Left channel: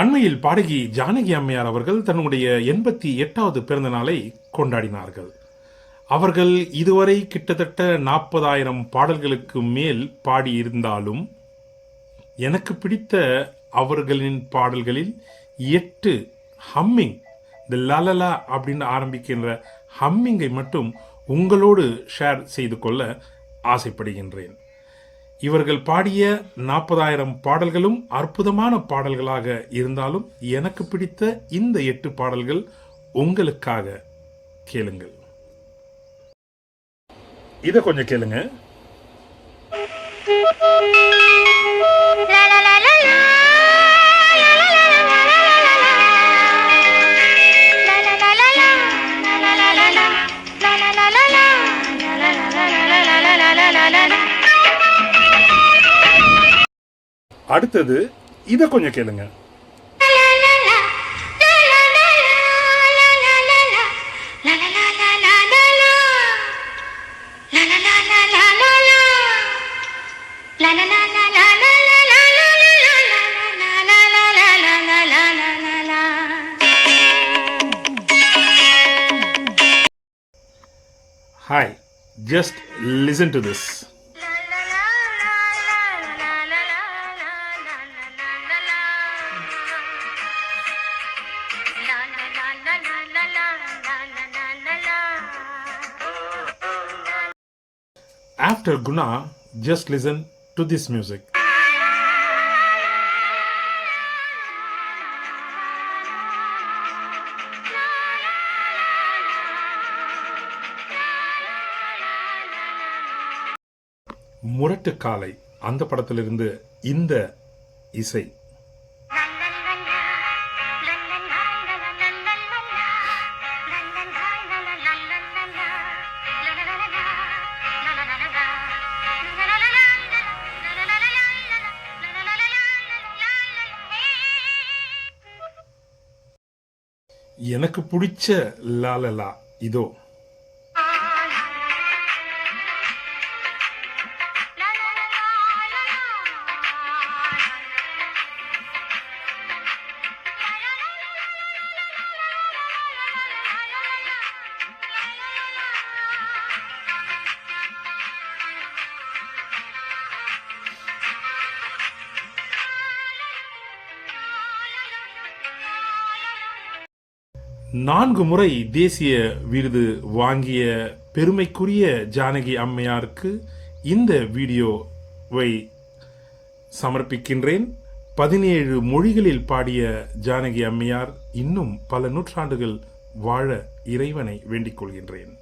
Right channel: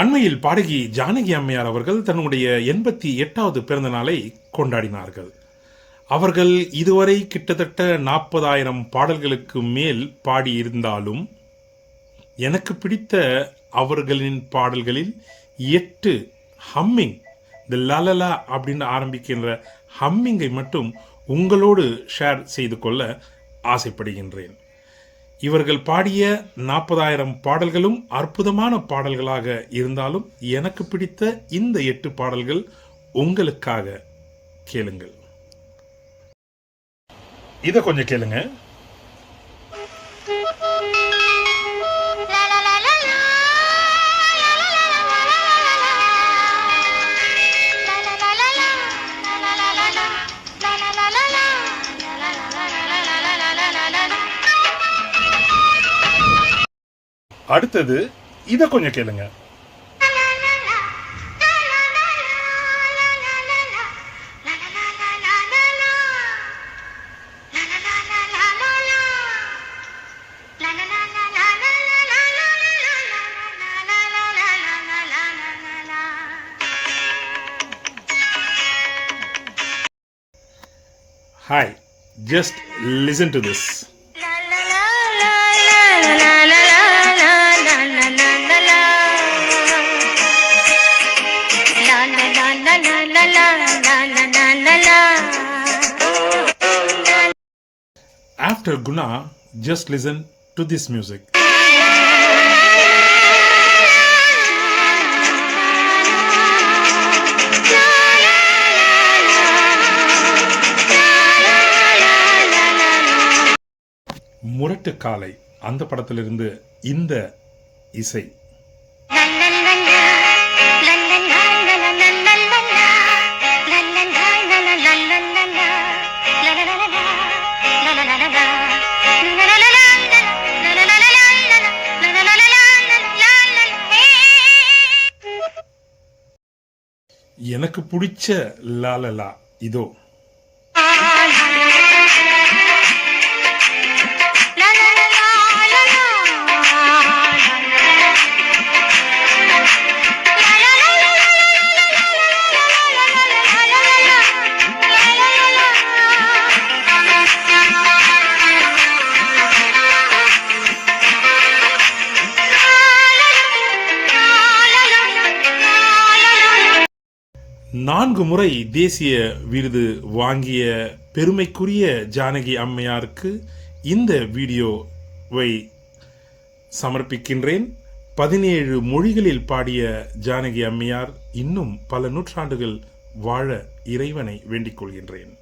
அண்மையில் பாடகி ஜானகி அம்மையார் அவர்கள் தன்னுடைய 88வது பிறந்த நாளை கொண்டாடினார்கள். அவர்கள் இதுவரை கிட்டத்தட்ட 40,000 பாடல்களுக்கு மேல் பாடியிருந்தாலும் எனக்கு பிடித்த அவர்களின் பாடல்களில் 8 ஹம்மிங், இந்த லலலா அப்படின்னு ஆரம்பிக்கின்ற ஹம்மிங்கை மட்டும் உங்களோடு ஷேர் செய்து கொள்ள ஆசைப்படுகின்றேன். இவர்கள் பாடிய 40,000 பாடல்களும் அற்புதமான பாடல்களாக இருந்தாலும் எனக்கு பிடித்த இந்த 8 பாடல்கள் உங்களுக்காக. கேளுங்கள். இதை கொஞ்சம் கேளுங்க. அடுத்தது இதை கொஞ்சம் கேளுங்க. Hi, just listen to this. After Guna, just listen to this music. முரட்டு காலை அந்த படத்திலிருந்து இந்த இசை. எனக்கு பிடிச்ச லாலலா இதோ. நான்கு முறை தேசிய விருது வாங்கிய பெருமைக்குரிய ஜானகி அம்மையாருக்கு இந்த வீடியோவை சமர்ப்பிக்கின்றேன். 17 மொழிகளில் பாடிய ஜானகி அம்மையார் இன்னும் பல நூற்றாண்டுகள் வாழ இறைவனை வேண்டிக் கொள்கின்றேன்.